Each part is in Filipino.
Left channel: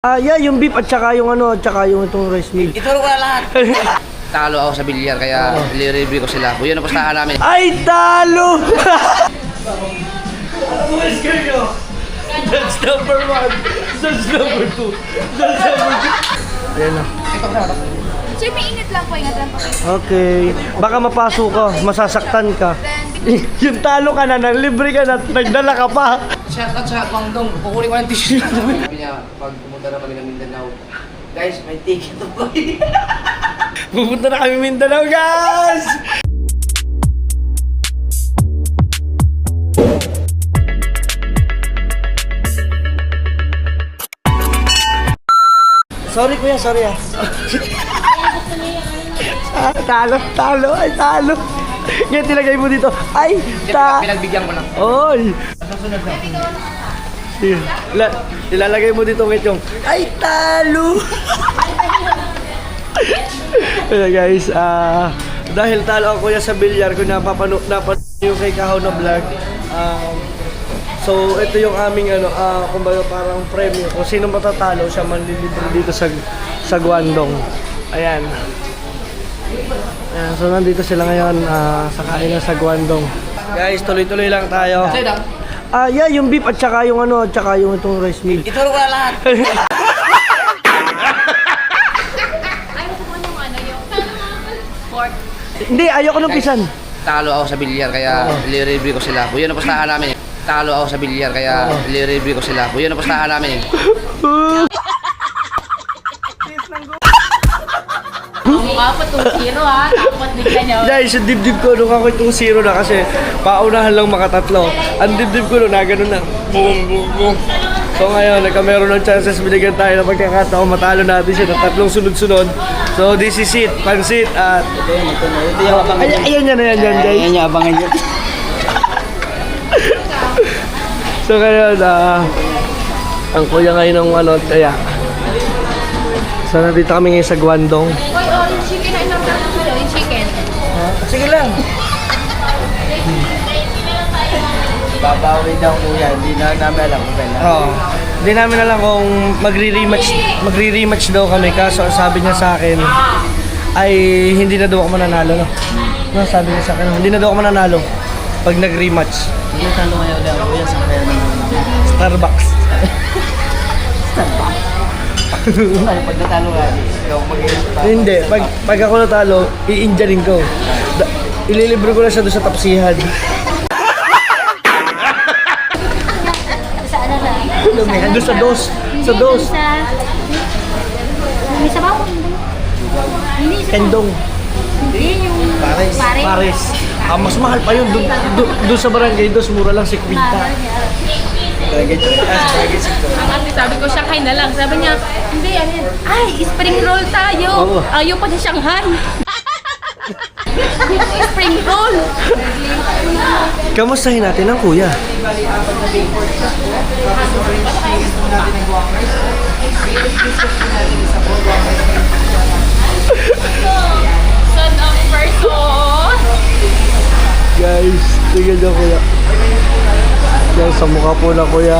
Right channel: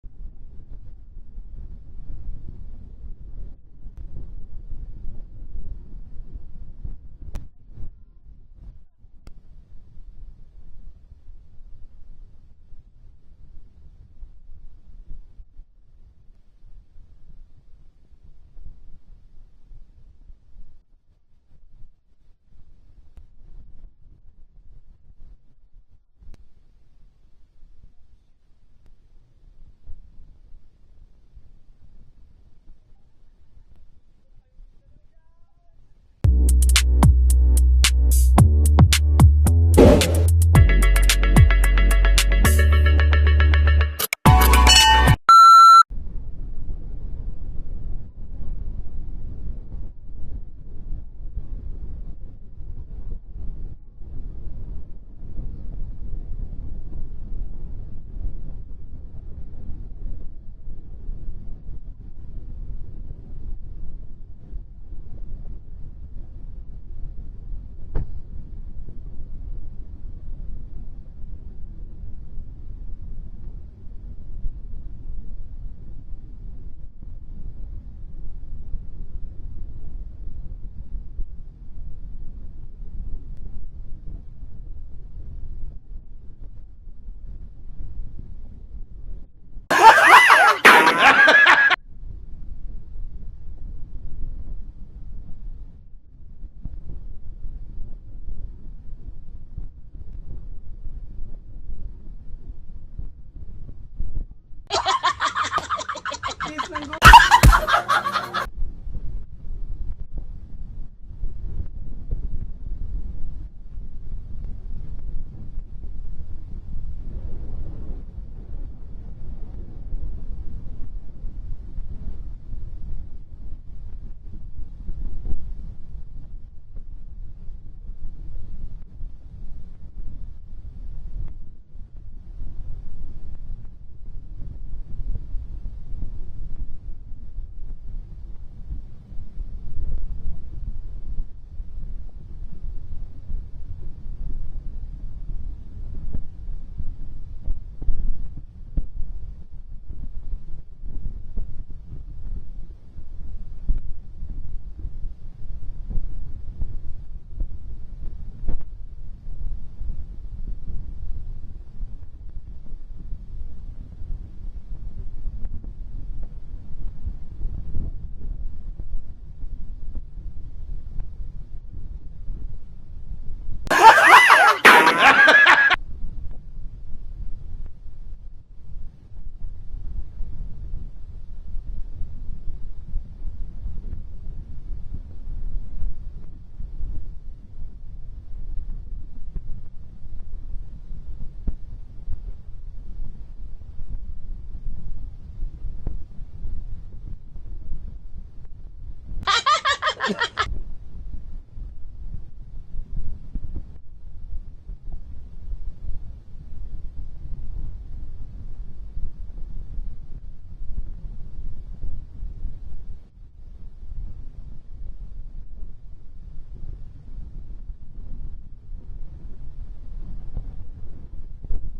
Yeah, yung beef at saka yung ano, at saka yung itong rice meal. Ituro ko na lahat. Talo ako sa bilyar, kaya i-review ko sila. Yun ang pustahan namin. Ay, talo! That's number one. That's number two. That's number two. Ayan na. Sir, may ingat lang po. Ingat lang po. Okay. Baka mapasok ka, masasaktan ka. Yung talo ka na, libre ka na, nagdala ka pa. Shoutout sa Guangdong, kukunin ko ng tissue. Sabi niya, pag pumunta na kami ng Mindanao, guys, may ticket to po. Pupunta na kami Mindanao, guys! Sorry kuya, sorry ah. Talo, ay talo. Ngayon tilagay mo dito. Ay, Pinagbigyan ko lang. Oy! Ilalagay mo dito ngayon yung ay, talo! Ayan guys, dahil talo ako kuya sa bilyar, kung napapanood yung kay Kahaw na vlog, so ito yung aming ano, kumbaga parang premium. Kung sino matatalo, siya manlilibre dito sa Guangdong. Ayan. Ayan, so nandito sila ngayon sa kainan sa Guangdong. Guys, tuloy-tuloy lang tayo. Sa'yo lang. Yeah, yung beef at saka yung ano, at saka yung itong rice meal. Ituro ko na lahat. Ayaw ko po ng ano yung pork. Hindi, ayoko ng pisan. Talo ako sa bilyar, kaya i-review ko sila. Yun ang pustahan namin. Talo ako sa bilyar, kaya i-review ko sila. Yun ang pustahan namin. Mukha po 2-0 ha. Tapos bigla niyo. Guys, yung dibdib ko nung ako itong 0 na kasi paunahan lang makatatlo. Ang dibdib ko nung gano'n na. Boom, boom, boom. So ngayon, nagkameron ng chances, binigyan tayo ng pagkakataon, matalo natin siya ng tatlong sunod-sunod. So this is it, pansit at... Ito yung abangan niya. Ayan yan guys. Ayan yung abangan niya. So ngayon, ang kuya ngayon ng ano, kaya. So nandito kami ngayon sa Guangdong. Hoy, yung chicken ay number ko yung chicken. Sige lang. Babawi daw kuya, hindi na namin alam kung kailan. Oo. Hindi namin alam kung magre-rematch daw kami, kaso ang sabi niya sa akin ay hindi na daw ako mananalo, no? No, sabi niya sa akin, hindi na daw ako mananalo pag nag-rematch. Hindi talo ngayon daw kuya, sa kaya naman. Starbucks. Pag natalo ka, ikaw mag-iisip. Hindi, pag ako natalo, i-injuring ko. Ililibre ko na siya doon sa tapsihan. Sa ano na? Doon sa dos. Sa dos. May sabaw ko. Hindi sa Kendong. Hindi yung Pares. Pares. Mas mahal pa yun. Doon sa barangay, dos mura lang si Quinta. Ang ate, sabi ko, Shanghai na lang. Sabi niya, hindi, ano yan? Ay, spring roll tayo. Oo. Ayaw pa sa Shanghai. Spring roll. Kamustahin natin ang kuya? Son of person. Guys, tingnan niyo kuya. Guys, sa mukha po na kuya,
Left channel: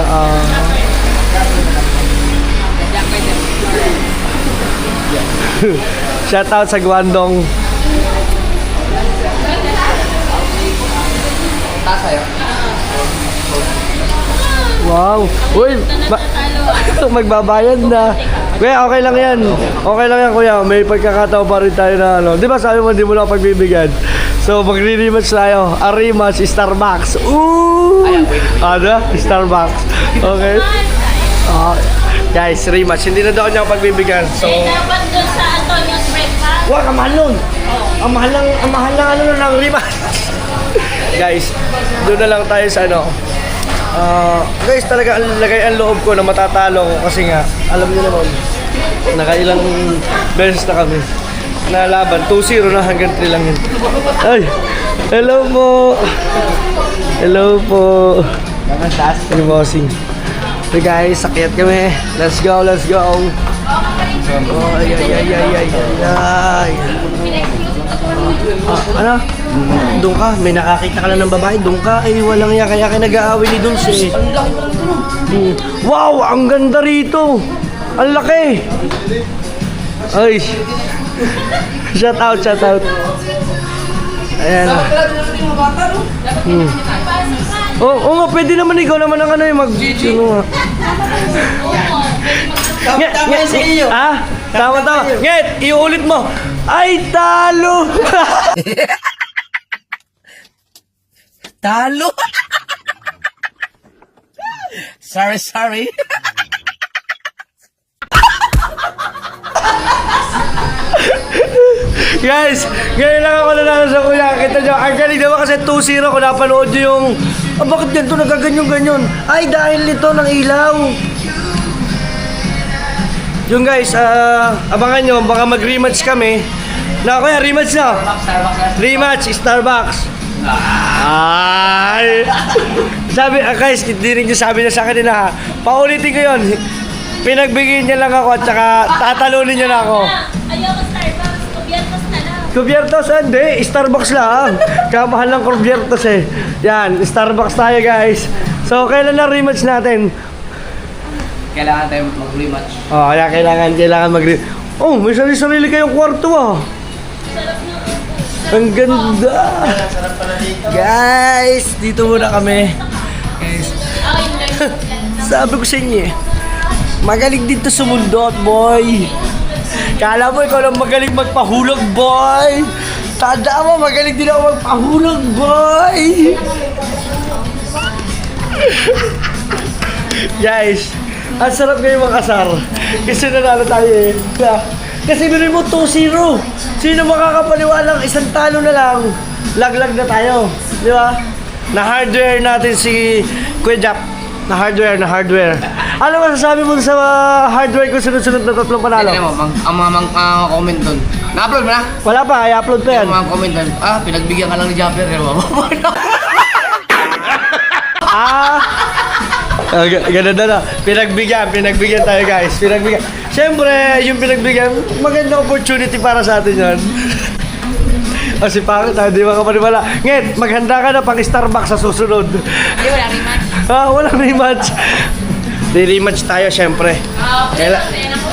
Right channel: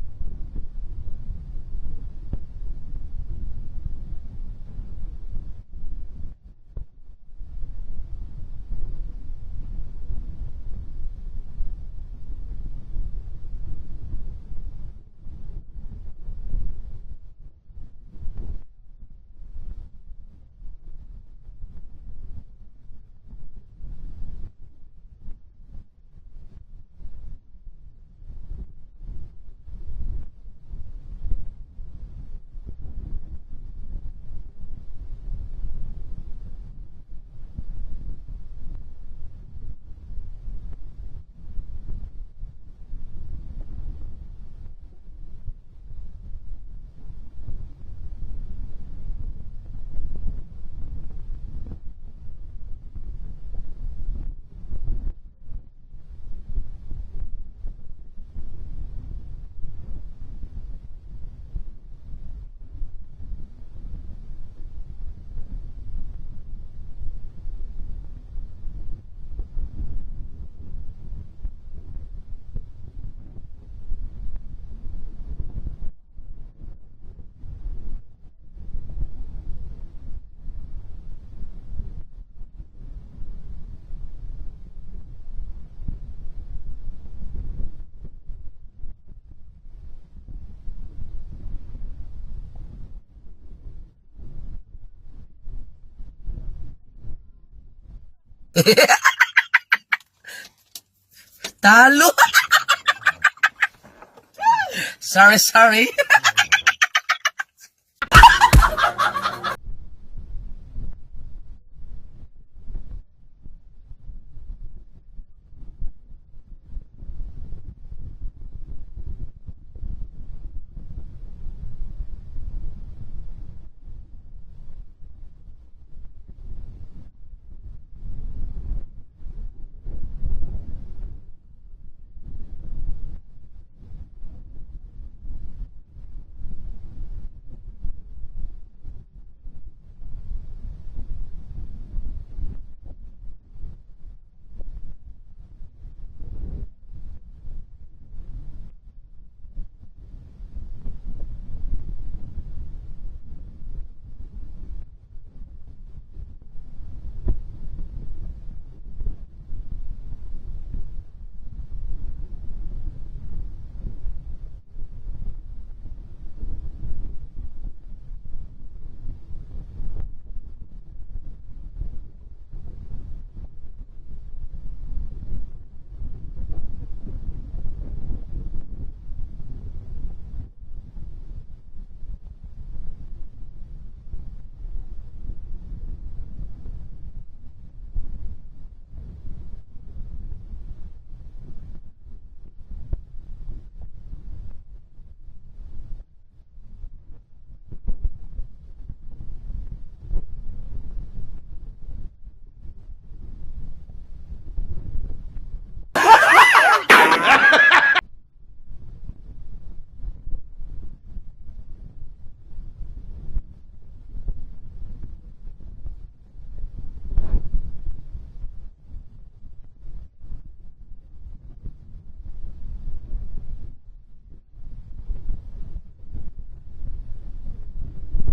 shout out sa Guangdong. Tasayo. Wow! Uy! Magbabayad na. Kuya, okay lang yan. Okay lang yan, kuya. May pagkakataon pa rin tayo na ano. Di ba sabi mo, di mo na pagbibigyan? So, magre-rematch tayo. A rematch, Starbucks. Ooh! Ano? Starbucks. Okay? Guys, rematch. Hindi na daw niya ako pagbibigyan. So, Dapat doon sa Antonio's breakfast. wag, ang mahal nun. Ang mahal lang ano ng rematch. Guys, doon na lang tayo sa ano. Guys, talaga lagay ang loob ko na matatalo ko kasi nga, alam niyo naman, nakailang beses na kami nalaban. 2-0 na hanggang 3 lang yun. Ay, hello po. Hello po. Hey, bossing. So guys, sakyat kami. Let's go, let's go. Oh, ay. Ano? Doon ka, may nakakita ka na ng babae, doon ka, ay walang kaya nag-aaway ni Dulce. Wow, ang ganda rito. Ang laki! Ay! Shout out, shout out. Ayan. Oo nga, pwede naman ikaw naman ang ano yung mag... Ano nga? Tama sa iyo. Ah? Tama. Nget, iulit mo. Ay, talo! Talo! sorry. Guys, ngayon lang ako nanalo sa kuya. Kita nyo, ang galing naman kasi 2-0 kung napanood nyo yung... bakit ganito nagaganyan-ganyan? Ay, dahil nito ng ilaw. Yung guys, abangan nyo, baka mag-rematch kami. Na kuya, rematch na. Rematch, Starbucks. Ay! Sabi, guys, dinig nyo sabi niya sa akin na paulitin ko yun. Pinagbigyan niya lang ako at saka tatalunin niya na ako. Ayoko Starbucks, kubyertos na lang. Kubyertos, hindi. Starbucks lang. Kamahal ng kubyertos eh. Yan, Starbucks tayo guys. So, kailan na rematch natin? Kailangan tayo mag-rematch. Oh, kaya kailangan mag-rematch. Oh, may sarili kayong kwarto ah. Ang ganda. Guys, dito muna kami. Guys, sabi ko sa inyo eh. Magaling dito sumundot, boy. Kala mo ikaw lang magaling magpahulog, boy. Tanda mo, magaling din ako magpahulog, boy. Guys, ang sarap ngayon makasar. Kasi nanalo tayo eh. Kasi binuhin mo 2-0. Sino makakapaniwalang isang talo na lang? Laglag na tayo. Di ba? Na-hardware natin si Kuya Jack. Na-hardware. Ano masasabi mo sa hardware ko sunod-sunod na tatlong panalo? Tignan mo, ang mga comment doon. Na-upload mo na? Wala pa, i-upload pa yan. Ang mga comment doon. Pinagbigyan ka lang ni Jumper. Ganun na. Pinagbigyan tayo guys. Siyempre, yung pinagbigyan, magandang opportunity para sa atin yan. Kasi pangit tayo, di makapaniwala. Nget, maghanda ka na pang Starbucks sa susunod. Hindi, wala rematch. Walang rematch. Di rematch tayo, siyempre.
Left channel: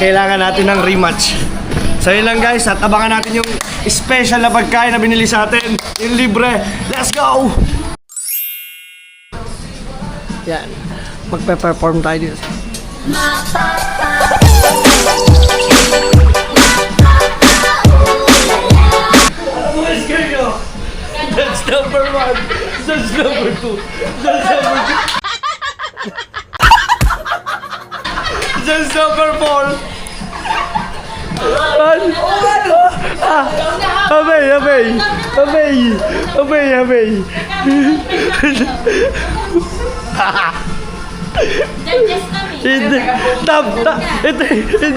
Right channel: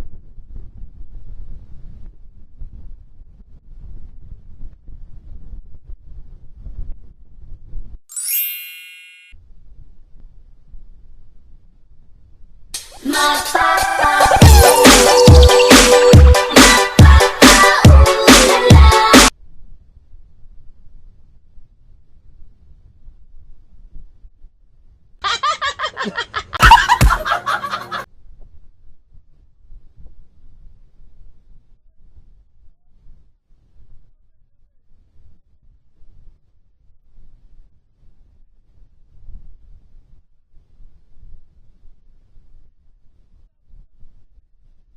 Kailangan natin ng rematch. So yun lang guys, at abangan natin yung special na pagkain na binili sa atin. Yung libre. Let's go! Yan. Magpe-perform tayo dito. That's number 1. That's number 2. That's number 2. That's number 4. Abay. Judges kami. Hindi,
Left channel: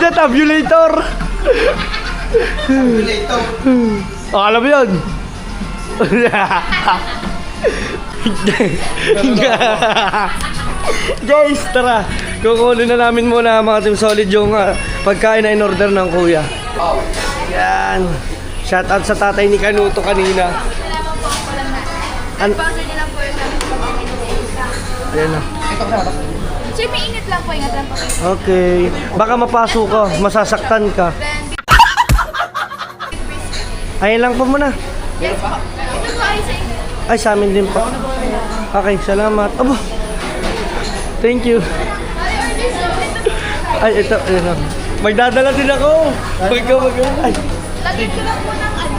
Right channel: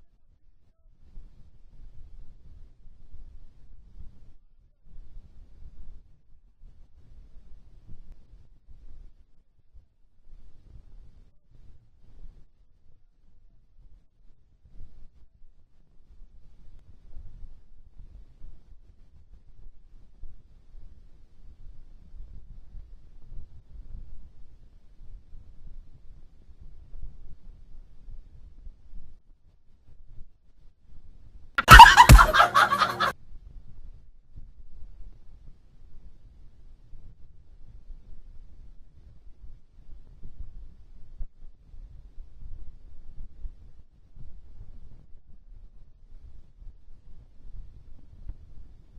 tabulator. Oh, alam mo yun? Guys, tara. Kukunin na namin muna mga Team Solid yung pagkain na in-order ng kuya. Yan. Shoutout sa tatay ni Kanuto kanina. Ayan na. Sir, may init lang po. Ingat lang po. Okay. Baka mapasok ka, masasaktan ka. Ayun lang po muna. Ay, sa amin din po. Okay, salamat. Aba. Thank you. Ay, ito. Magdadala din ako. Ay. Lagyan ko lang po ng ano.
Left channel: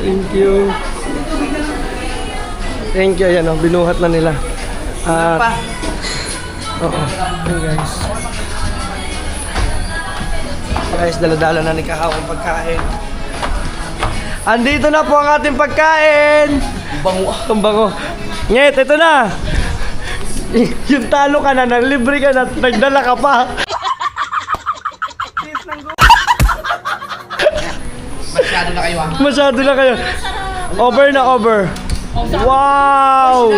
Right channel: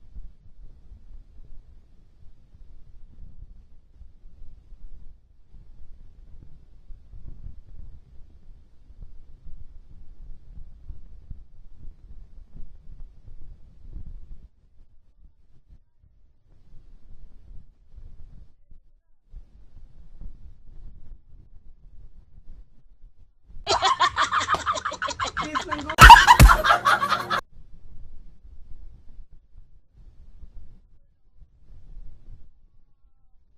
Thank you. Thank you. Ayan o, binuhat na nila. Oo. Okay guys. Guys, dala-dala na ni Kahaw ang pagkain. Andito na po ang ating pagkain. Ang bango. Nget, ito na. Yung talo ka na, libre ka na, nagdala ka pa. Masyado na kayo. Over na over. Wow!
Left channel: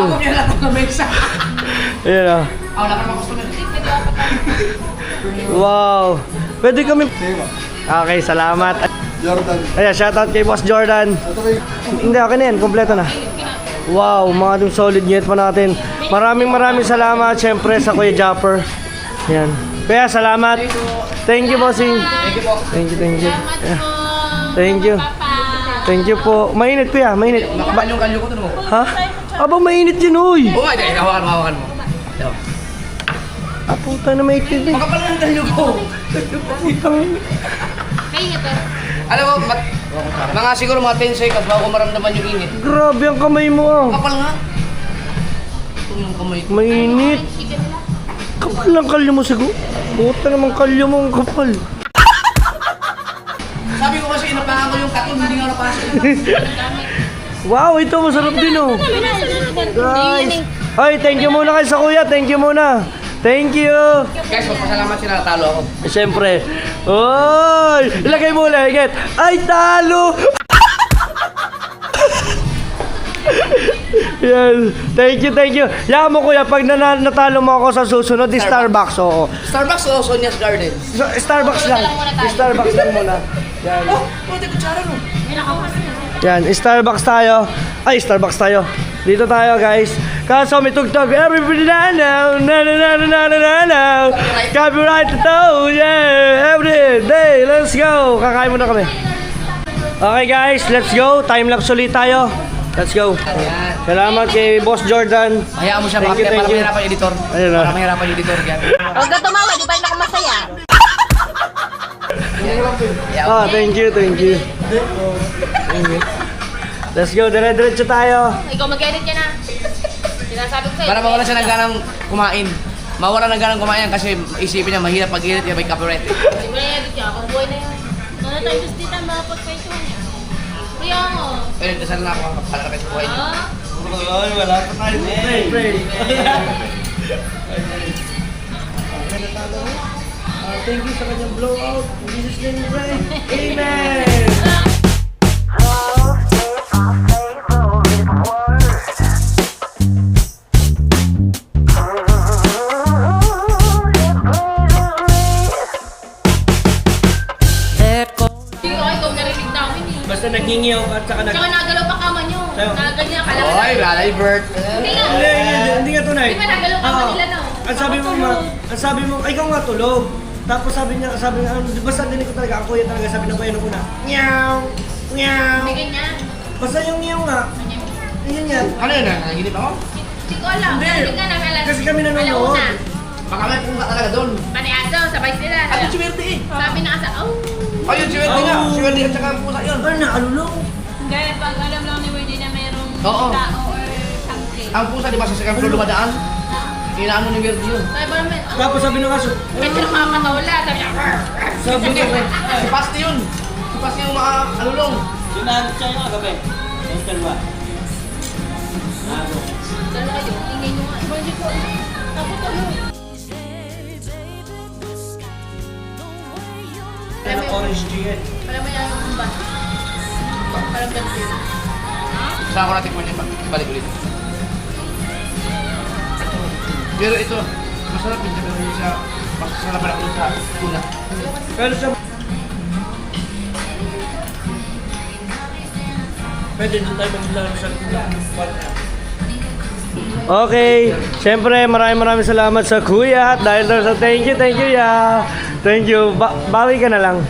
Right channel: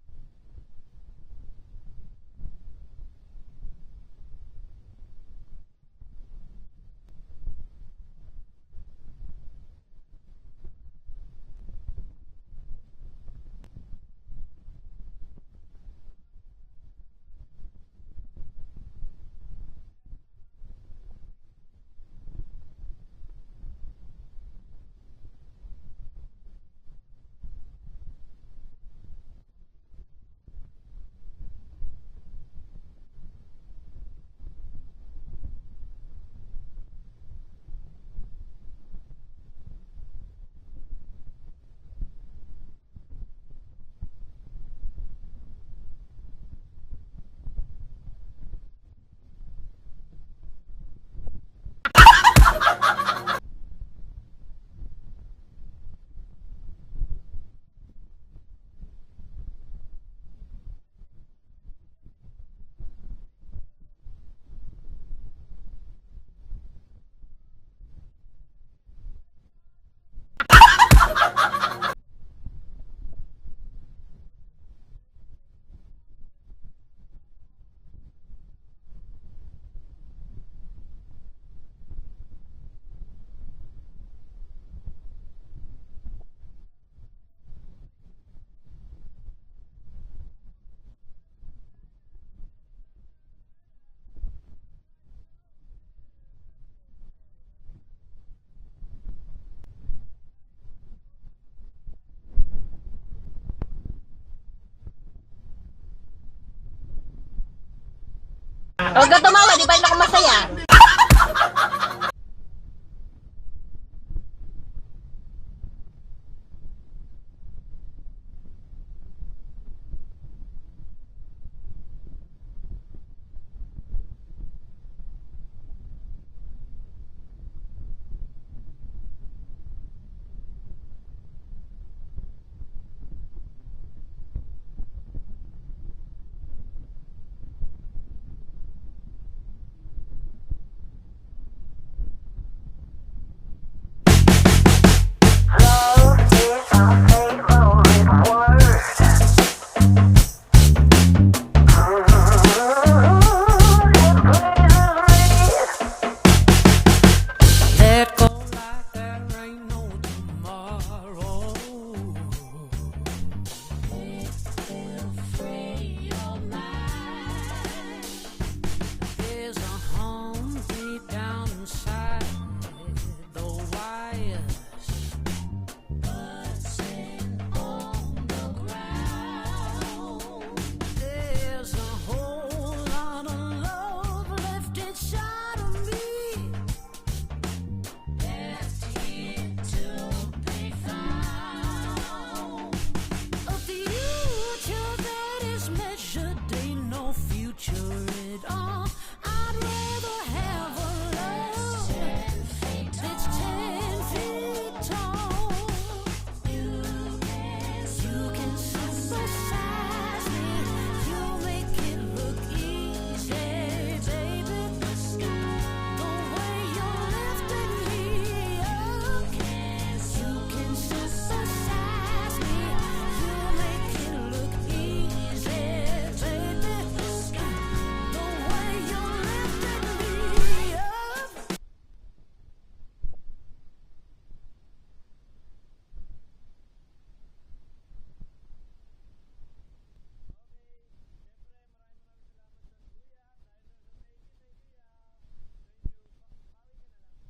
Ayan o. Wow! Pwede kami... Okay, salamat. Jordan. Ayan, shoutout kay Boss Jordan. Hindi, okay na yan. Kompleto na. Wow, mga Team Solid. Ngit pa natin. Maraming salamat syempre sa Kuya Japper. Yan. Kuya, salamat. Thank you, bossing. Thank you po. Thank you. Yeah. Thank you. Thank you po. Mainit, Kuya, mainit. Makapal yung kalyo ko to mo. Ha? Aba, mainit yun, uy. Oo nga, hawakan mo. Ito. Ah, puta na mainit din. Makapal yung kalyo ko. Putang. Kaya ito. Alam mo, mga siguro mga 10 seconds bago ko maramdaman yung init. Grabe ang kamay mo, ah. Kapal nga. Ito yung kamay ko. Mainit. Kapal lang kalyo mo, siguro. Puta naman kalyo mo, ang kapal. Sabi ko kasi inapahan ko yung katon, hindi nga napasok. Wow, ito masarap din, oh. Guys. Ay, thank you muna kay sa Kuya. Thank you muna. Thank you. Guys, magpasalamat sila, natalo ako. Siyempre. Oy! Ilagay mo ulit. Higit. Ay, talo! Yan. Thank you. Yaman mo, Kuya, pag natalo mo ako sa susunod, di Starbucks, oo. Starbucks o Sonia's Garden? Starbucks lang. Starbucks lang muna. Yan. Oh, pwede kutsara no. Yan, Starbucks tayo. Ay, Starbucks tayo. Dito tayo, guys. Kaso may tugtog. Everybody now. Copyright ito. Yeah. Every day. Let's go. Kakain muna kami. Okay, guys. Let's go. Time lapse ulit tayo. Let's go. Salamat kay Boss Jordan. Hayaan mo siya, Thank you, para thank you. mahirapan yung editor. Ayun na. Para mahirapan yung editor. Huwag ka tumawa, di ba ako masaya? Ah, thank you. Let's go. Dire-diretso tayo. Ikaw mag-edit ka na. Sinasabi ko sa'yo. Para mawala siya ng ganang kumain. Mawala ng ganang kumain kasi isipin niya mahirap pag-edit niya may copyright. Hindi mo na-edit ka, pang buhay na yan. Ano tayo gusto dito, mapag-kaito niya. Kaya mo. Pero dasal na ako para kapit sa buhay niya. Ay, wala pa tayo. Pray. Thank you sa kanyang blowout. In Jesus' name we pray. Amen! Hindi ko ikaw narinig namin eh. Basta naghingiyaw at saka Tsaka nagalaw pa kama nyo. Sa'yo. Nakaganyan ka lang. Oy, Lalay Bert. Hindi nga. Hindi nga tunay. Di ba nagalaw pa Oo. nila no? Ang sabi mo, ikaw nga tulog. Tapos sabi niya, basta dinig ko talaga, ang kuya talaga, sabi ng kuya nung una, Meow! Meow! Hindi ganyan. Basta yung meow nga, yun yan. Ano yun? Nanginip ako? Hindi ko alam. Hindi ka nang alas. Kasi kami nanonood. Alauna. Baka may punta talaga doon. Paniaso, sabay sila. Ano si Werte eh? Sabi na asa, oh. Ayun si Werte nga. Si Werte at saka ang pusa yun. Ano na, alulong? Dahil pag alam lang ni Wendy na mayroong Oo. tao. Ang pusa di ba sa second floor lumadaan? Inaano ni Werte yun. Ay, parang may, oh. Tapos sabi ng aso, Medyo nakakatawala. Sabi niya, sabi Hindi, ko, si Pasti yun. Si Pasti yung mga alulong. orange beer. Alam mo yan, ang ba? Parang ganun. Saan ko natin pwede balik ulit. Pero ito, masarap din siya kasi sa masarap na sa una. Pero sa... Pwede din tayo maglaro sa Okay, siyempre maraming salamat sa kuya dahil sa thank you ya. Thank you. Bawi ka na lang.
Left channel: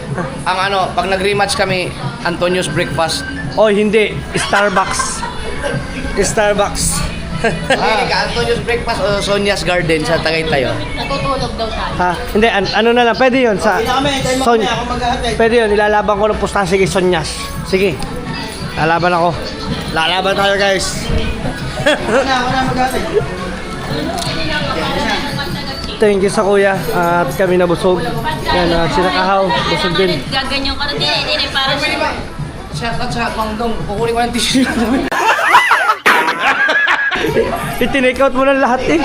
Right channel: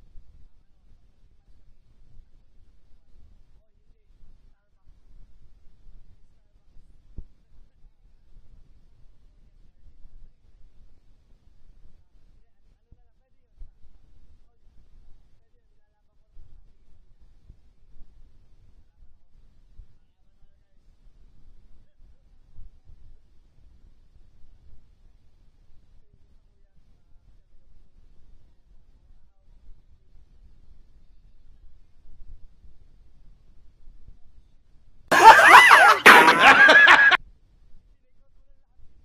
Ang ano, pag nag-rematch kami, Antonio's Breakfast. Oh, hindi. Starbucks. Starbucks. Hindi ka, Antonio's Breakfast o Sonia's Garden sa Tagaytay. Natutulog daw tayo. Ha? Hindi, ano na lang. Pwede yun sa... Pwede yun. Ilalaban ko ng pustahan. Sige, Sonyas. Sige. Lalaban ako. Lalaban tayo, guys. Thank you sa kuya. At kami nabusog. Yan, sinakahaw. Busog din. Gaganyan ka na din. Para Pwede ba? Shout out sa Pangdong, kukunin ko ng tissue. I-take out mo na lahat eh.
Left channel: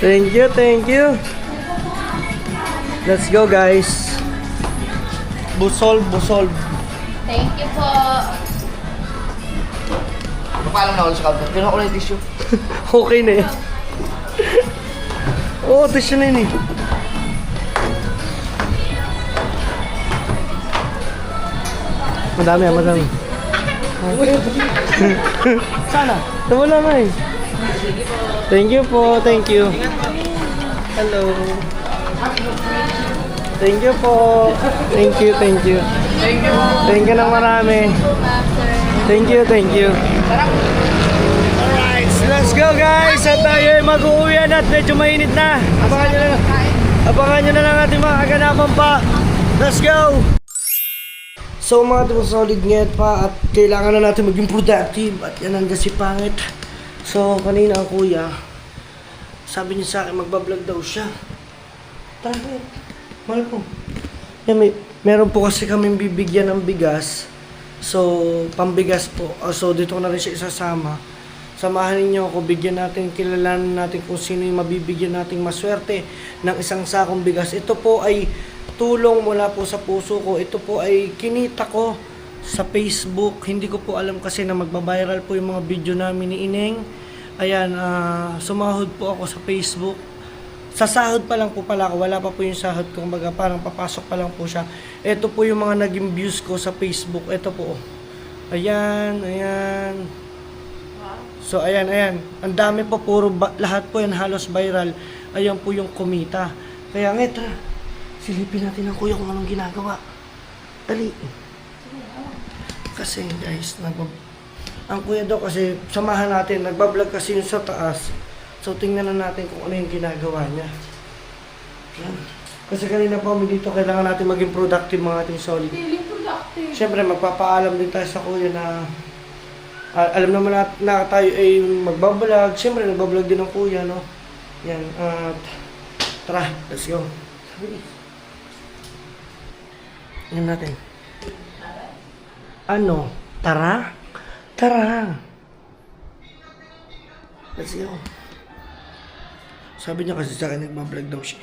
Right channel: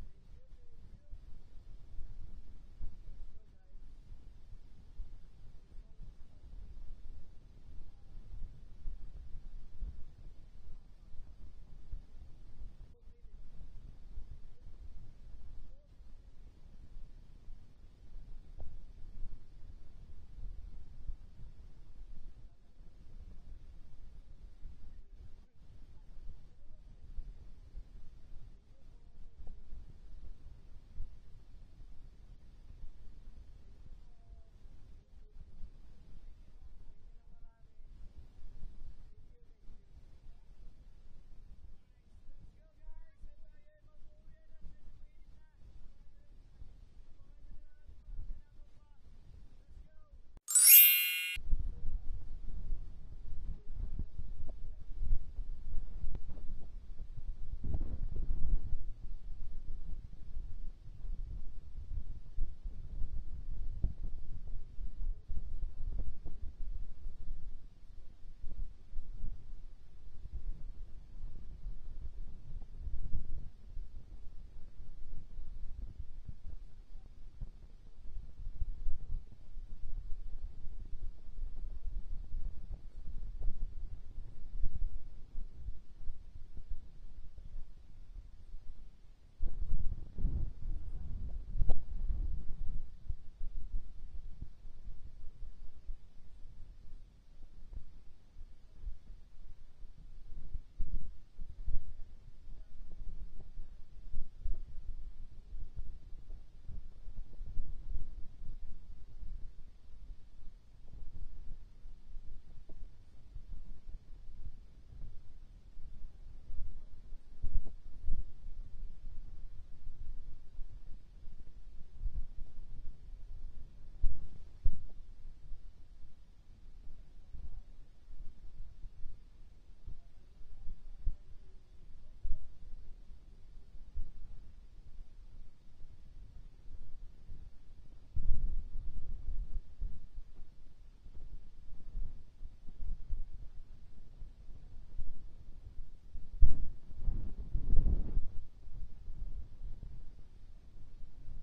Thank you. Let's go, guys. Busol. Thank you po. Paalam na ako sa counter. Pinuha ko na yung tissue. Okay na yan. Oo, tissue na yun eh. Madami. Sana. Nawala nga eh. Thank you po, thank you. Hello. Thank you po. Thank you, thank you. Thank you ng marami. Thank you, thank you. Alright, let's go guys. At tayo ay mag-uwi na at medyo mainit na. Abangan nyo na lang ating mga kaganapan pa. Let's go! So mga tibong solid ngayon pa at kailangan na natin maging productive at yan ang kasi pangit. So kanina ang kuya, sabi niya sa akin magbablog daw siya. Tara, mahal po. Yan, meron po kasi kaming bibigyan ng bigas. So pambigas po. So dito ko na rin siya isasama. Samahan ninyo ako, bigyan natin, kilalanin natin kung sino yung mabibigyan nating maswerte ng isang sakong bigas. Ito po ay tulong mula po sa puso ko. Ito po ay kinita ko sa Facebook. Hindi ko po alam kasi na magbabiral po yung mga video namin ni Ineng. Ayan, sumahod po ako sa Facebook. Sa sahod pa lang po pala ako. Wala pa po yung sahod ko. Kumbaga parang papasok pa lang po siya. Ito po yung mga naging views ko sa Facebook. Ito po. Ayan, ayan. So ayan, ayan. Ang dami po, lahat po yan halos viral. Ayan po yung kumita. Kaya nga, tara. Silipin natin ang kuya kung anong ginagawa. Dali. Kasi guys, ang kuya daw kasi samahan natin, nagbablog kasi yung sa taas. So tingnan na natin kung ano yung ginagawa niya. Yan. Kasi kanina pa kami dito, kailangan natin maging productive mga ating solid. Feeling productive. Siyempre magpapaalam din tayo sa kuya na alam naman na tayo ay magbablog. Siyempre nagbablog din ang kuya, no? Yan, at tara, let's go. Yan natin. Ano? Tara? Tara. Let's go. Sabi niya kasi sa akin, nagbablog daw siya.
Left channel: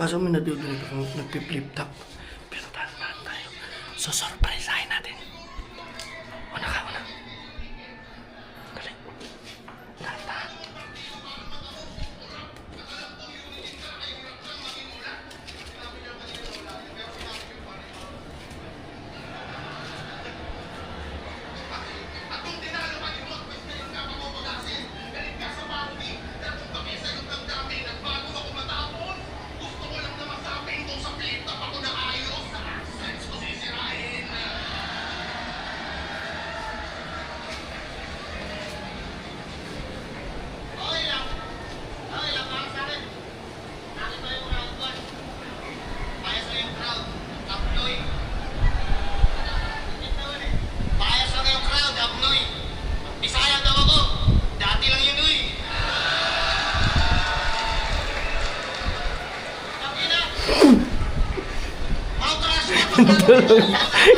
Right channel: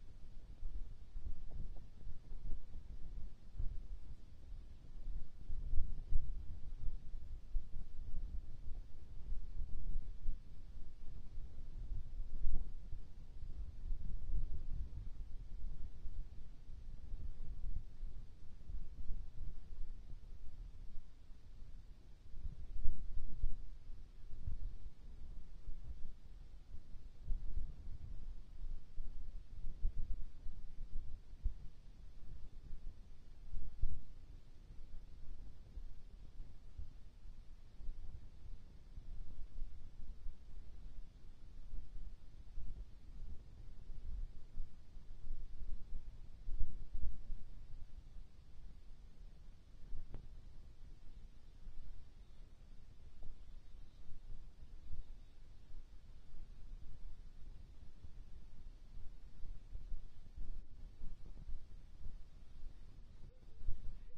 Kaso may nadudulit ako, nagpi-flip top. Pero tahan tayo. So, surpriseahin natin. Una ka, una. Dali. Tahan.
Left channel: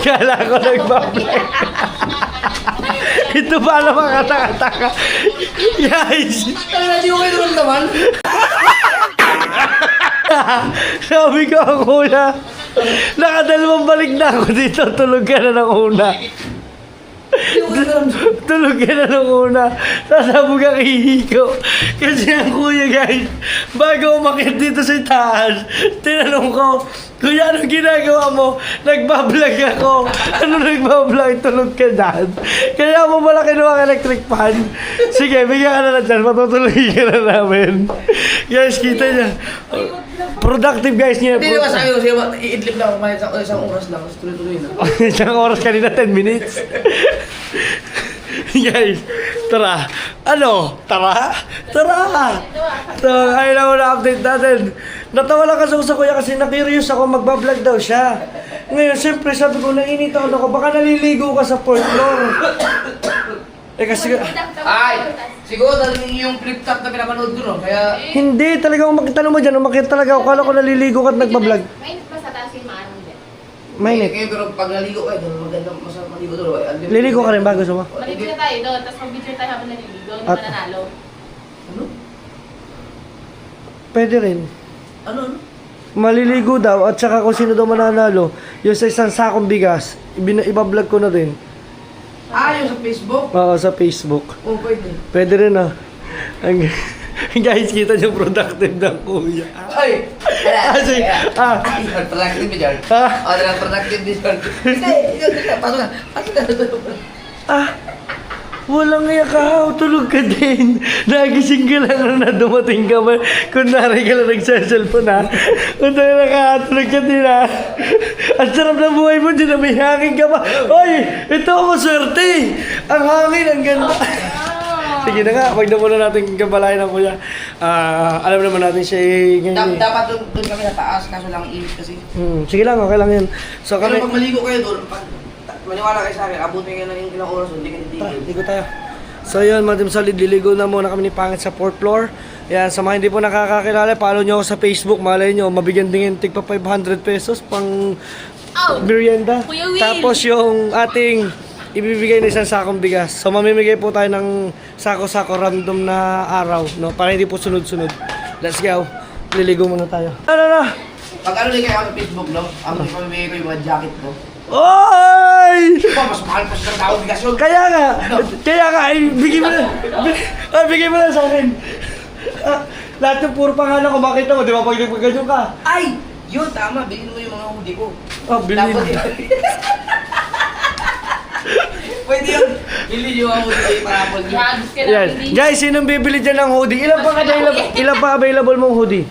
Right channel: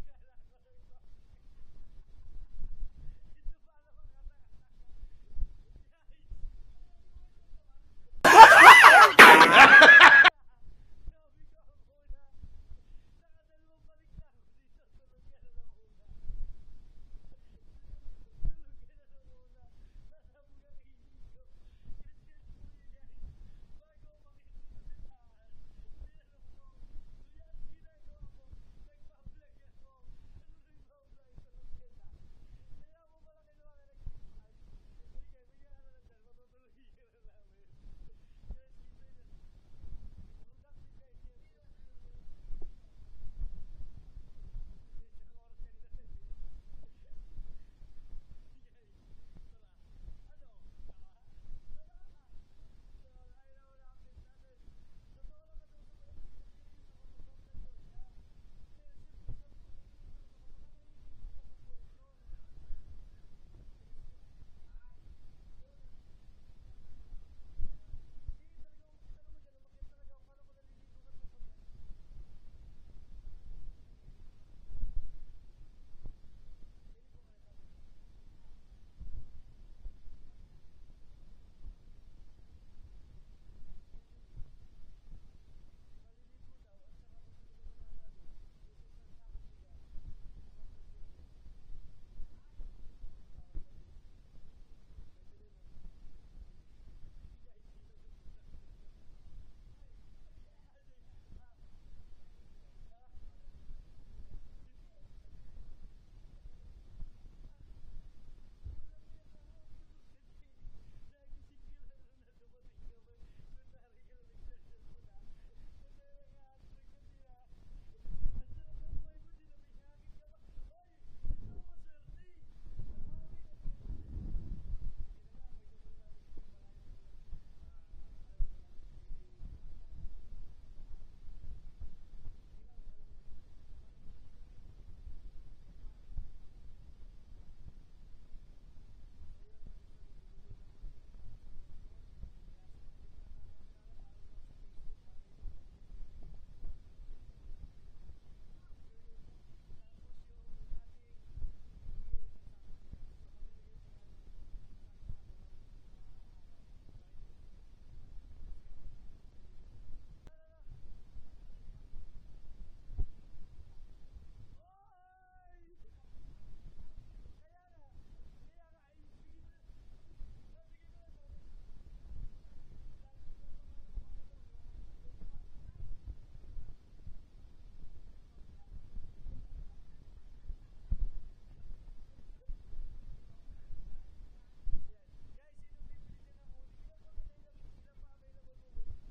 Kala ko nagbablog. Ito pala mga kataka-taka. Guys! Hindi ko kayo naman. Sabi ko ang una. Nakadalawang balik na ako dito. Tulog ka na ng una. Tulog ka na ng una. Sasabog ang ihiko. Kasi ang kuya guys, bago umakit dito sa taas, tinanong ko, kuya, anong ginagawa mo? Nagbablog ako. Ano nagbablog? Tulog ka dyan. Kaya mo pala kinuha ang electric fan. Sige, bigyan ka na na dyan. Matutulogin ka na namin. Guys, kita niya. Productive guys niya. Hindi naman sabi ko, i-idlip lang ako isang oras lang. Tapos tuloy-tuloy na. Isang oras kanina, 10 minutes. Guys, tara. Ano? Tara? Tara! So, ayun lang na update natin. Natawa lang kasi ako sa kuya kasi na-curious ako, magbablog daw siya. Ngayon, siyempre sabi ko, nainit ako, baka naliligo ka sa 4th floor. Eh kasi... Ay! Siguro dahil yung flip top na pinapanood ko, no? Kaya... Hindi, talaga umakita mo dyan, umakita talaga ako. Kala ko naliligo ka at nagbablog. Mainit ba sa taas yung maano dyan? Mainit. Pero pag naligo kayo, doon maganda masarap maligo doon. Liligo ka rin ba? Gusto mo? Maligo na tayo doon, tapos mag-picture tayo habang naliligo, hindi At- mananalo. Ano? Pwede rin. Ano? Maliligo daw at saka kung sino daw mananalo, yung sa isang sakong bigas, ibablog ko na rin. Ah, yung sa Facebook? Oo, sa Facebook. Oo, pwede. Pwede rin ah. Guys, kita niyo productive ng kuya. Ay! Kasi, Productive ba dyan? Ah. Oo, productive din dyan. Hindi, pasok na. Pasok na. Ah, Walang iyak ka, tulog ka din. Nagising ka lang na dumating ka ba? Kunwari ka lang nagsasalpon ha. Kunwari nakatulog ka din ha. Ang sarap ng buhay mo dyan na may hangin ka pa. Oy, ito ako swerte. Ang hangin, ang ganda. Sige na nga, wag na muna natin kabalayan ng kuya. Alam naman natin siya ngayon. Dapat doon kami nataas, kaso lang init kasi. Sige lang, okay lang yan. So Pero kami... pag maligo kayo doon, maniwala kayo sa akin, abutin kayo ng ilang oras, hindi ka titigil. Ligo tayo. So yun, mga Team Solid, liligo na muna kami ni Pangit sa 4th floor. Yan, sa mga hindi po nakakakilala, follow nyo ako sa Facebook. Malay nyo, mabigyan din yung tigpa 500 pesos pang merienda. Kuya Will. Tapos yung ating ibibigay na isang sakong bigas. So mamimigay po tayo ng sako-sako random na araw, no? Para hindi po sunod-sunod. Let's go. Liligo muna tayo. Ano? Pag ano din kayo ako sa Facebook, no? Ako din pamimigay ko yung mga jacket ko. Oy! Mas mahal pa sa tao, bigas yun. Kaya nga, ay, bigay mo na. Bigay mo na sa akin. Lahat yung puro pangalan ko, makita mo, di ba? Pag nagpagganyan ka. Ay! Yun, tama. Bilhin mo yung mga hoodie ko. Bilhin. Pwede yun. Bilhin yung mga hoodie para po nyo. Drugs ka Yan. lang. Guys, sinong bibili dyan ng hoodie? Ilan pa available mong hoodie?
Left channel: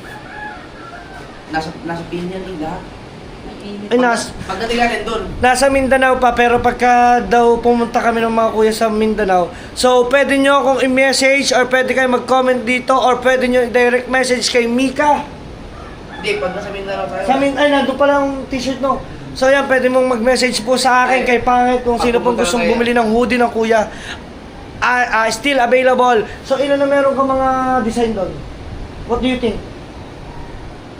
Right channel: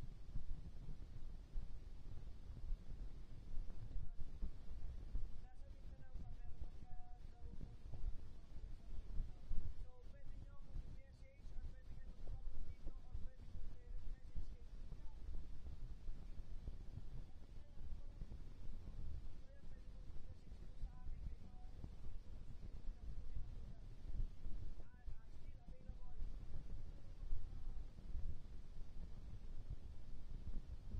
Nasa Pinian din lahat. Ay, Pagdating natin doon. nasa Mindanao pa, pero pagka daw pumunta kami ng mga kuya sa Mindanao, so pwede nyo akong i-message or pwede kayo mag-comment dito or pwede nyo direct message kay Mika. Hindi, pag nasa Mindanao tayo. Ay, nandun pala ang t-shirt no. So yan, pwede mong mag-message po sa akin kay Pangit kung sino pong gustong bumili ng hoodie ng kuya. Still available. So ilan na meron ka mga design doon? What do you think?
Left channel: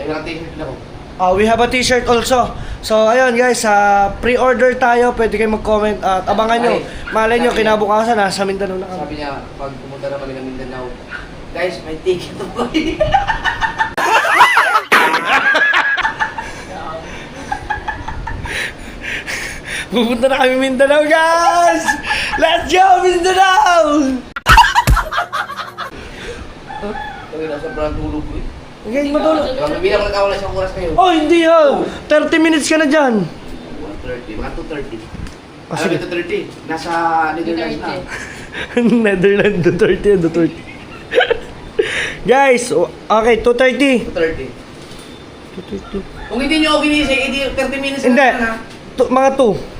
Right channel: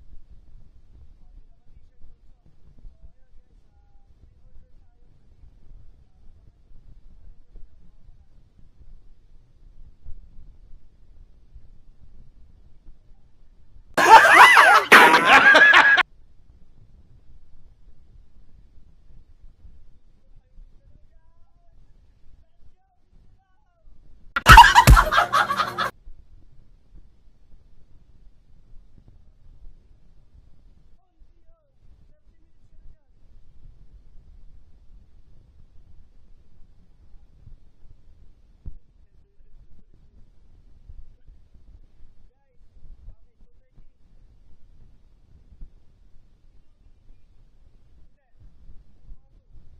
Teka lang, t-shirt na ko. We have a t-shirt also. So ayun guys, pre-order tayo. Pwede kayo mag-comment at abangan nyo. Malay nyo, kinabukasan nasa Mindanao na kami. Sabi niya, pag pumunta na kami ng Mindanao, guys, may ticket to buy. Pupunta na kami Mindanao guys! Let's go Mindanao! Kami nasa brand tulog ko eh. Okay, matulog. Bilang ko nagkawala isang oras kayo. Oh, hindi ha! 30 minutes ka na dyan. 1:30, mga 2:30. Ah, sige. 2:30. Nasa Netherlands na. Netherlands, Duterte, Duterte. Guys, okay, 2:30. 2:30. 2:30. Kung hindi nyo ako ginising, hindi 30 minutes Hindi, na. mga 2.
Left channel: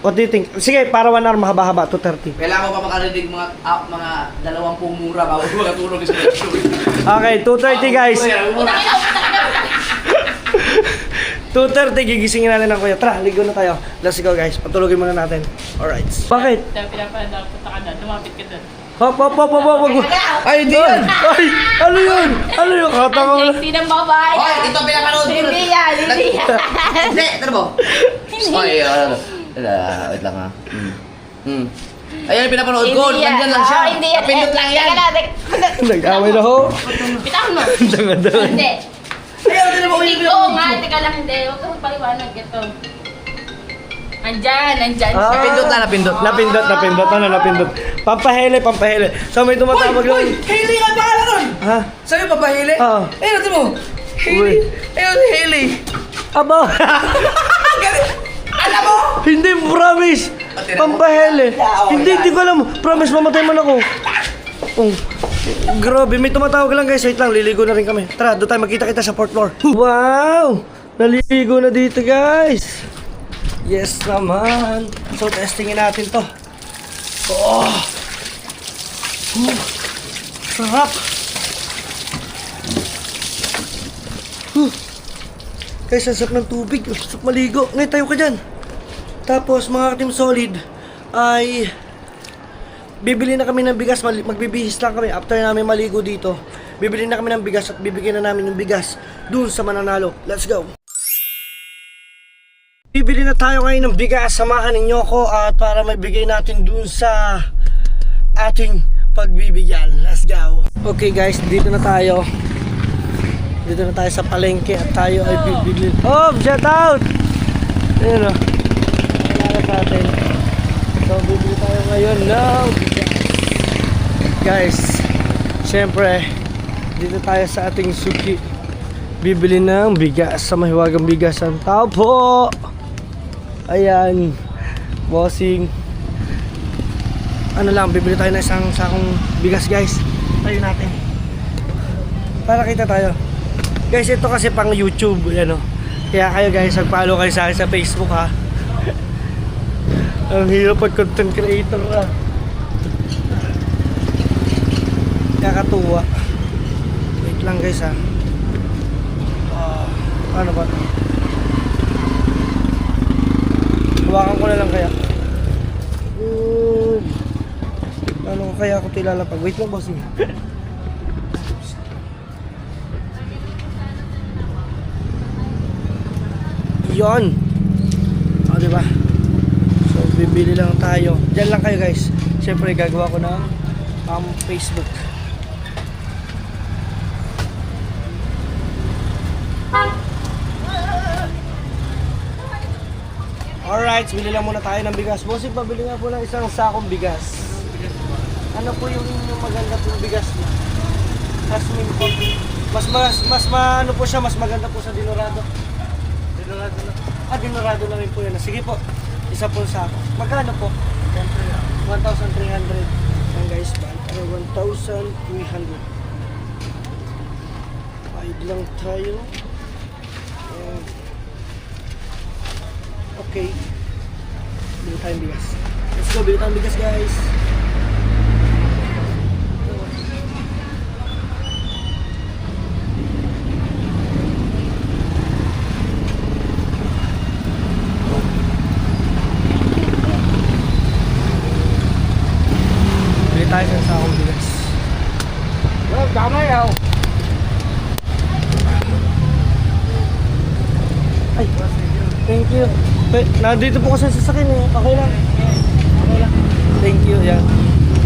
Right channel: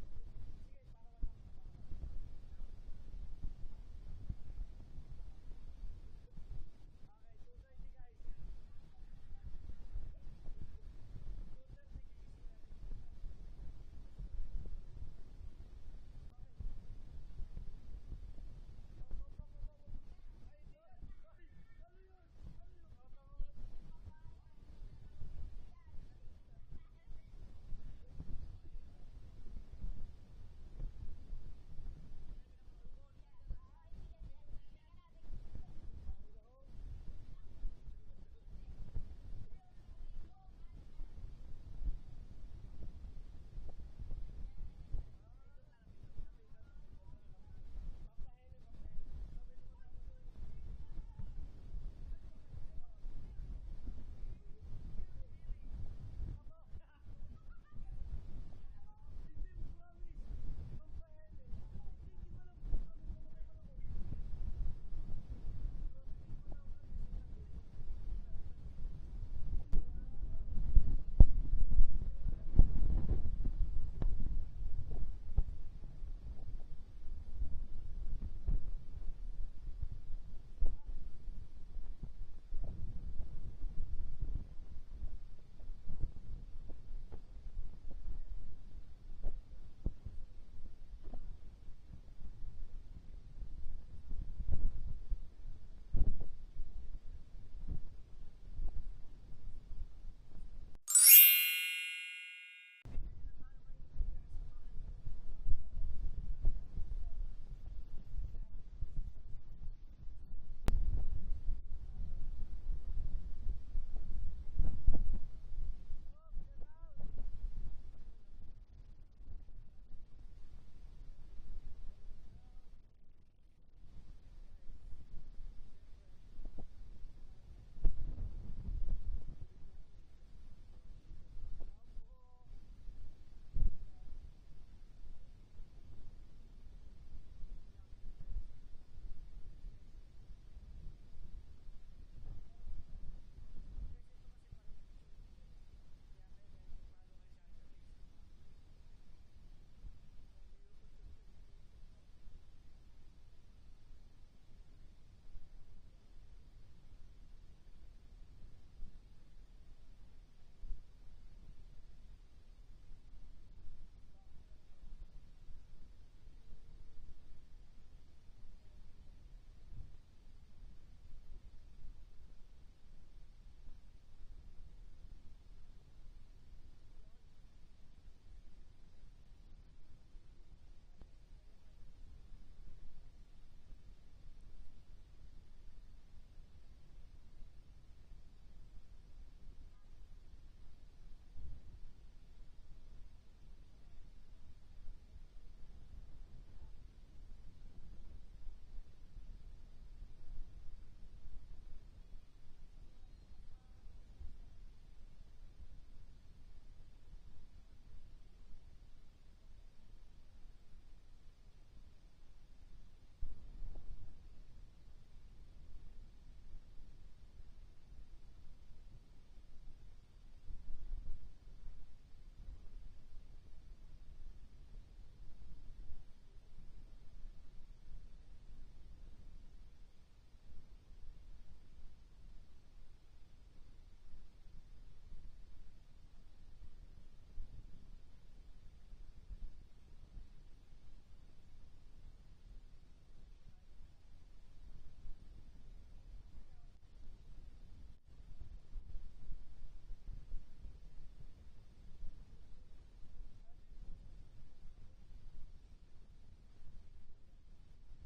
What do you think? Sige, para 1 hour mahaba-haba, 2:30. Kailangan ko pa makarinig mga 20 mura bago makatulog sa picture. Okay, 2:30 guys. Mura. 2:30, gigisingin natin ng kuya. Tara, ligo na tayo. Let's go guys, patulogin muna natin. Alright. Bakit? Pinapanda, punta ka na, lumapit ka doon. Hop. Ay, hindi yan. Ay, ano yun? Ano yun? Kata ko Ang lang. sexy ng babae. Hoy, ito pinapanood ko. Hindi yan. Hindi, ano mo? Hoy, wait lang ha. Ayan, pinapanood ko. Nandyan lang siya. Hindi yan. Napindot lang yan. Nag-away na ho. Bitawan mo. Dangan-dangan. Hindi. Ayaw, hindi mo Hindi ko nga. Teka lang, hindi. Huwag kang paliwanag. Ito. Andyan siya. Napindot na, napindot. Napindot. Ano, napindot. Pampahele. So may tumatawag lang. Hailey nga pangalan nun! Ha? Sa'yo pa ba Hailey? Oo. Ayun, natin mo. Uy. Ayun, si Hailey. Aba. Alam mo? Hindi, promise. Pampahele. Hindi ko alam. Promise, mamatay man ako. Oh. Grabe, may tumatawag lang guys. Wait lang, liligo na rin kami. Tara, doon tayo magkita-kita sa 4th floor. Wow! Naligo na dito guys. Yes naman. So, testingin natin to. Oh! Sarap! Guys, ang sarap ng tubig. Sarap maligo. Ngayon, tayo ka dyan. Tapos, mga Team Solid, ay bibili na kami ng bigas. Magbibihis lang kami after namin maligo dito. Bibili na kami ng bigas at bibigyan na namin yung bigas dun sa mananalo. Let's go! Bibili na tayo ngayon ng bigas. Samahan ninyo ko at para maibigay natin dun sa ating pagbibigyan. Let's go! Okay guys, dito na tayo. Dito na tayo sa palengke at tayo ay bibili. Oh, shout out! Ayun o. Kailangan sa atin. So, bibili tayo ngayon ng bigas. Guys, syempre, dito tayo sa ating suki. Bibili ng bigas sa mahiwagang bigasan. Tao po! Ayan, bossing. ano lang, bibili tayo ng isang sakong bigas guys. Tayo natin. Para kita tayo. Guys, ito kasi pang YouTube, yan o. Kaya kayo guys, mag-follow kayo sa akin sa Facebook ha. Ang hirap pag content creator ha. Kakatuwa. Wait lang guys ha. Ano ba? Hawakan ko na lang kaya. Ano kaya ako tilalapag? Wait lang boss. Yon. O diba? So bibili lang tayo. Diyan lang kayo guys. Siyempre gagawa ko ng Facebook. Alright, bili lang muna tayo ng bigas. Bossing, pabili nga po ng isang sakong bigas. Ano po yung maganda pong bigas na? Jasmine po. Mas ano po siya, mas maganda po sa Dinorado. Dinorado na. Dinorado na rin po yan. Sige po, isa po sako. Magkano po? 1,300. Yan guys, 1,300. 5 lang tayo. Okay. Bili tayong bigas. Let's go, bili tayong bigas guys. Bili tayo ng sakong bigas. Well, damay ako. Ay, thank you. Nandito po kasi sa sasakyan eh. Okay lang. Okay lang. Thank you. Yan.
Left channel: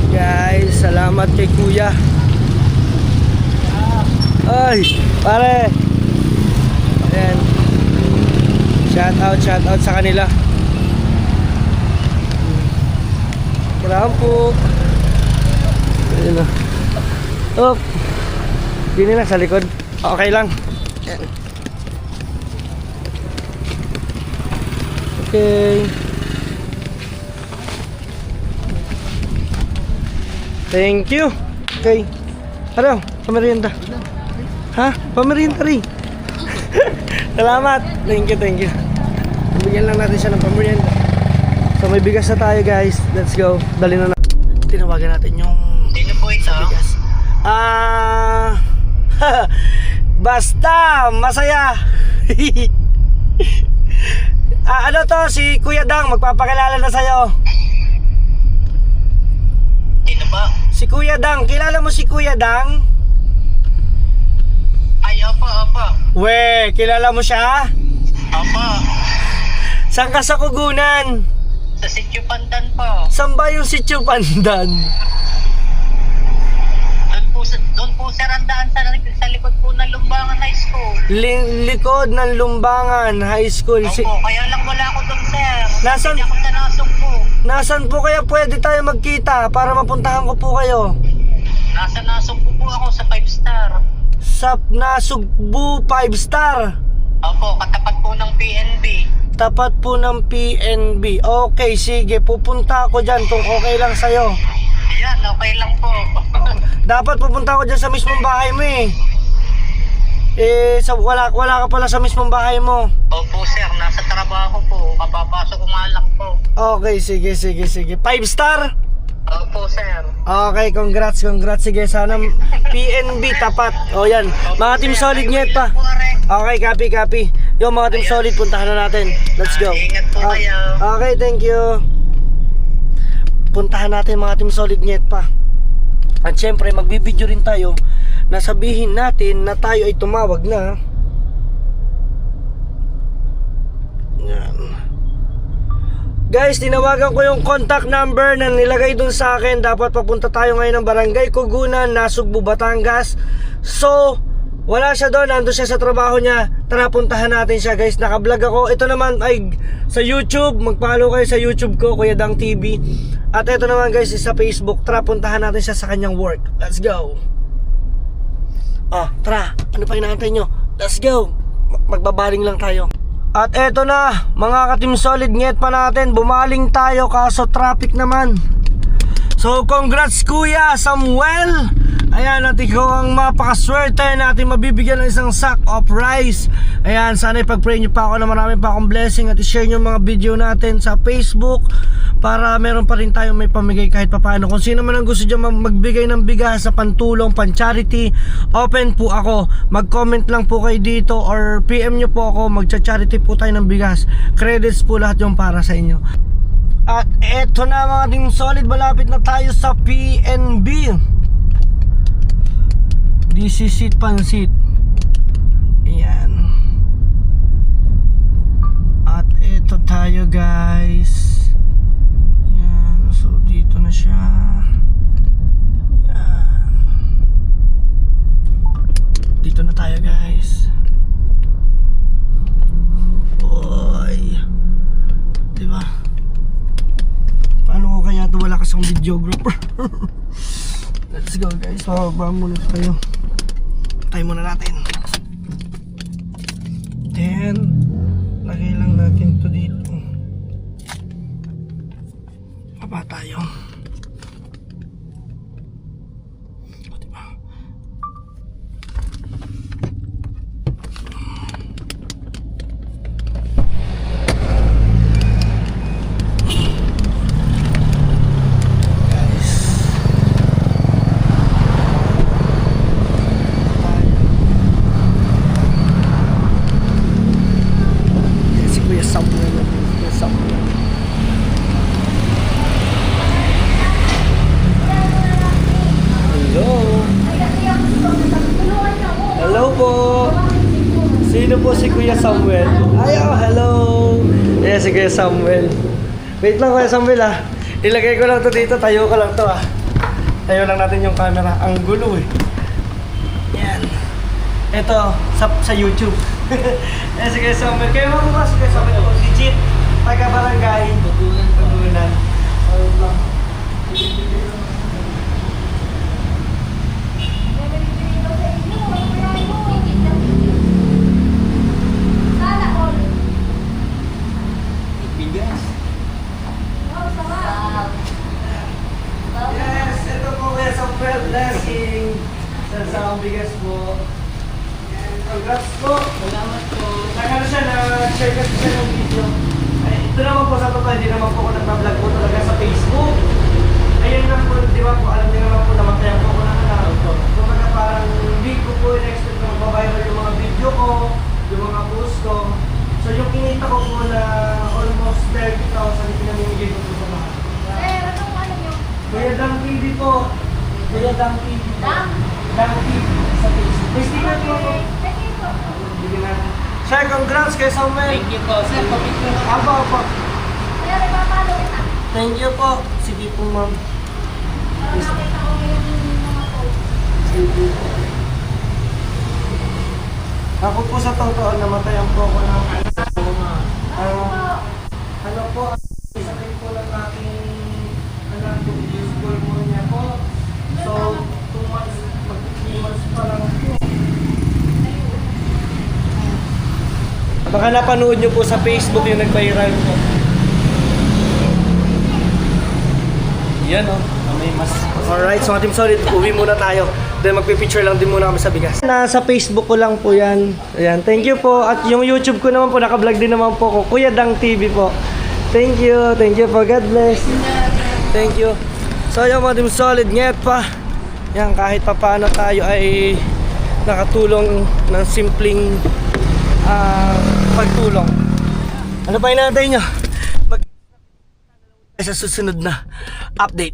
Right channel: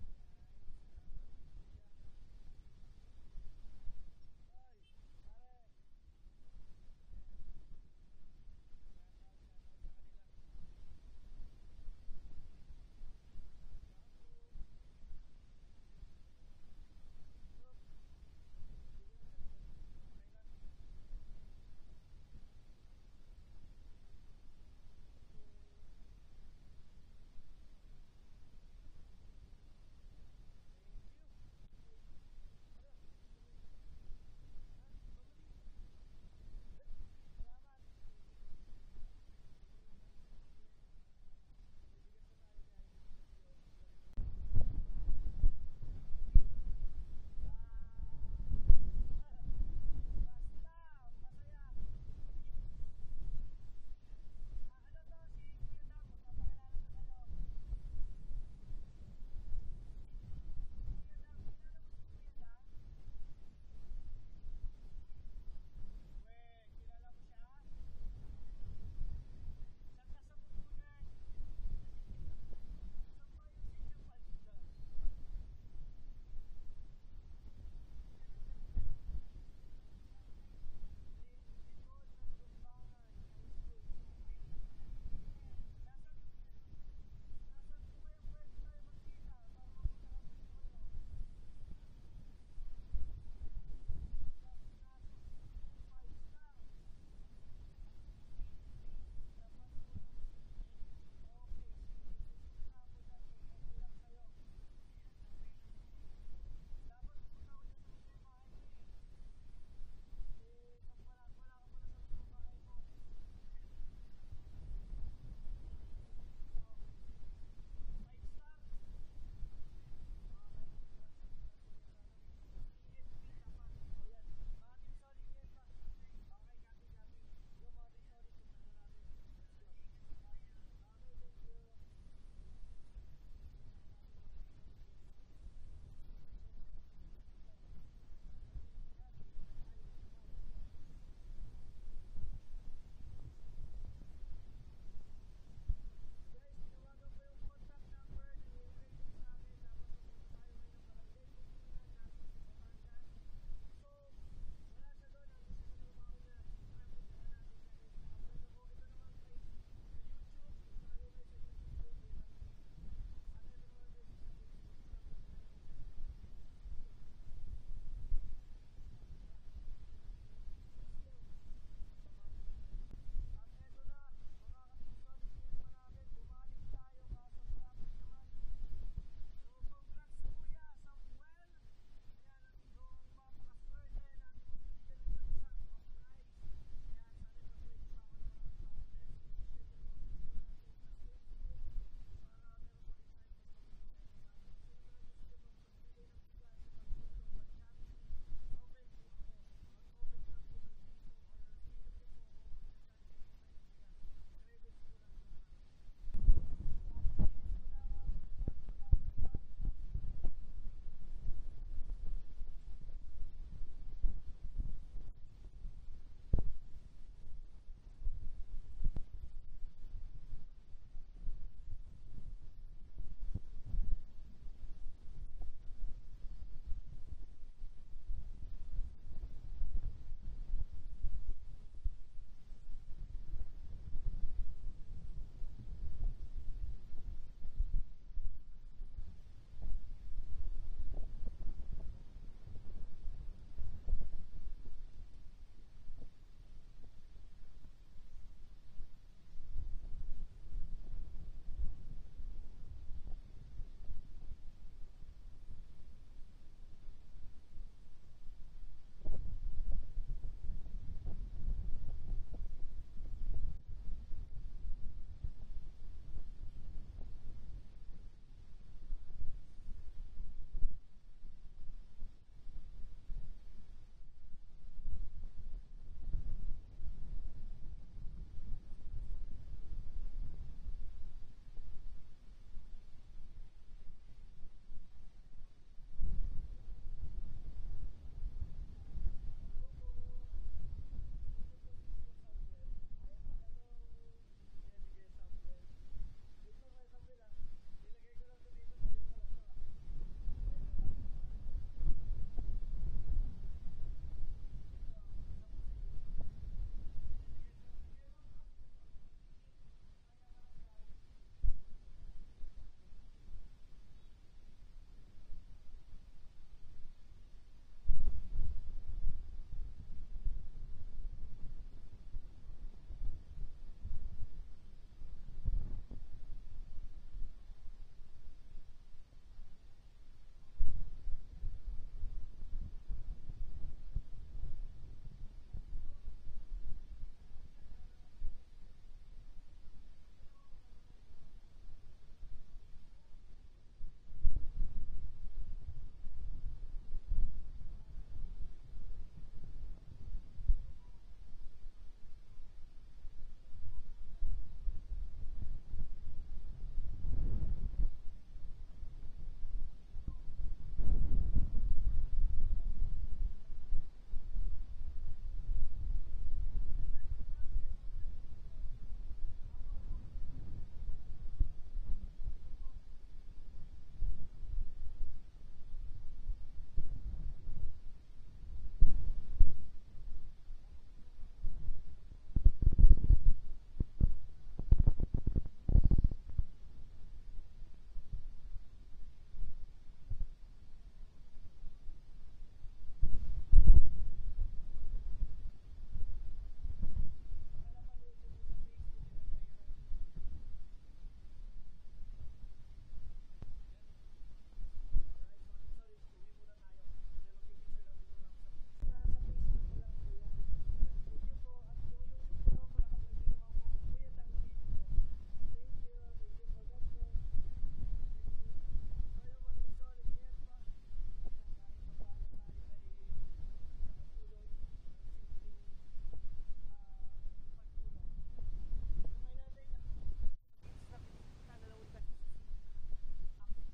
Guys, salamat kay Kuya. Ay, pare. Ayan. Shout out sa kanila. Kailangan po. Ayan na. Oh. Dini na sa likod. Okay lang. Ayan. Okay. Thank you. Okay. Ano? Pamerienda. Ha? Pamerienda rin. Salamat. Thank you. Bigyan lang natin siya ng pamerienda. So may bigas na tayo guys. Let's go. Dali na natin. Tinawagan natin yung Sino po ito? bigas. Basta masaya. Ano to, si Kuya Dang, magpapakilala na sa'yo. Sino ba? Si Kuya Dang, kilala mo si Kuya Dang? Ay, apa. We, kilala mo siya? Apa. Saan ka sa Kugunan? Sa Sitio Pandan po. Saan ba yung Sitio Pandan? Doon po sir, ang daan sa likod po ng Lumbangan High School. Likod ng Lumbangan High School. Opo, kaya lang wala ako doon sir. Nasaan- Hindi ako sa Nasugbu. Nasaan po kaya pwede tayo magkita para mapuntahan ko po kayo? Nasa Nasugbu po ako sa 5 star. Sa Nasugbu 5 Star. Opo, katapat po ng PNB. Tapat po ng PNB. Okay, sige, pupunta ako dyan kung okay lang sa'yo. Yan, okay lang po. Dapat pupunta ako dyan sa mismong bahay mo eh. Wala ka pala sa mismong bahay mo. Opo sir, nasa trabaho po. Kapapasok ko nga lang po. Okay, sige. 5 star? Opo sir. Okay, congrats. Sige, sana PNB tapat. O yan, mga team solid nyet pa. Okay, copy. Yung mga team solid, puntahan na natin. Let's go. Ingat po kayo. Okay, thank you. Puntahan natin mga team solid nyet pa. At syempre, magbibideo rin tayo na sabihin natin na tayo ay tumawag na. Yan. Guys, tinawagan ko yung contact number na nilagay dun sa akin. Dapat papunta tayo ngayon ng Barangay Kugunan, Nasugbu, Batangas. So, wala siya doon, nandun siya sa trabaho niya. Tara, puntahan natin siya guys. Nakablog ako. Ito naman ay sa YouTube. Mag-follow kayo sa YouTube ko, Kuya Dang TV. At ito naman guys is sa Facebook. Tara, puntahan natin siya sa kanyang work. Let's go. Tara, ano pa inaantay nyo? Let's go. Magbabaling lang tayo. At eto na, mga ka-team solid, nget pa natin. Bumaling tayo kaso traffic naman. So congrats Kuya Samuel. Ayan, at ikaw ang mapakaswerte natin mabibigyan ng isang sack of rice. Ayan, sana ipag-pray nyo pa ako na marami pa akong blessing at i-share nyo mga video natin sa Facebook para meron pa rin tayong may pamigay kahit papaano. Kung sino man ang gusto dyan magbigay ng bigas sa pantulong, pan-charity, open po ako. Mag-comment lang po kayo dito or PM nyo po ako, magcha-charity po tayo ng bigas. Credits po lahat yung para sa inyo. At eto na mga ding solid, malapit na tayo sa PNB. DC seat pansit. Ayan. At eto tayo guys. Ayan. So dito na siya. Ayan. Dito na tayo guys. Boy. Diba? Paano ko kaya ito wala kasang videographer? Let's go guys. Pababa muna tayo. Tayo muna natin. Then lagay lang natin to dito. Baba tayo. O, diba? Si Kuya Samuel. Kuya Samuel. Hello. Hello po. Sino po si Kuya Samuel? Ay, oh, hello. Yeah, si Kuya Samuel. Wait lang Kuya Samuel ah. Ilagay ko lang to dito. Tayo ko lang to ah. Tayo lang natin yung camera. Ang gulo eh. Yan. Ito, sa YouTube. Eh, si Kuya Samuel. Kayo mo ba si Kuya Samuel? Legit. Taga-barangay. Tugunan. Ayun lang. Yes, ito po Kuya Samuel. Blessing. Sa ang bigas po. And congrats po. Salamat po. Nagano siya na-share kasi siya ng video. Ay, ito naman po sa totoo, hindi naman po ako nagpa-vlog po talaga sa Facebook. Ayun lang po, di ba po, alam niyo naman po namatayan po ako ng anak. So mga parang hindi ko po in-expect na magbabiral yung mga video ko, yung mga post ko. So yung kinita ko po na almost 30,000 pinamimigay ko po sa mga. Kuya Dang TV po. Kuya Dang TV po. Dang TV sa Facebook. May sticker po ako. Bigyan natin. Sir, congrats kay Samuel. Thank you po. Sir, pamit ko. Apo. Thank you po. Sige po, ma'am. Sige po. Ako po sa totoo, namatayan po ako ng ano po, isa rin po lang aking anak po, school mo niya po. So, 2 months, mag-3 months pa lang po. Baka napanood nyo po sa Facebook yung nag-viral po. Yan o, may mas. Alright, so Team Solid, uwi muna tayo. Then magpipicture lang din muna kami sa bigas. Nasa Facebook ko lang po yan. Ayan, thank you po. At yung YouTube ko naman po, naka-vlog din naman po ko. Kuya Dang TV po. Thank you po. God bless. Thank you. So yung mga Team Solid, ngayon pa. Yan, kahit pa paano tayo ay nakatulong ng simpleng pagtulong. Ano pa hinahintay nyo? Sa susunod na update.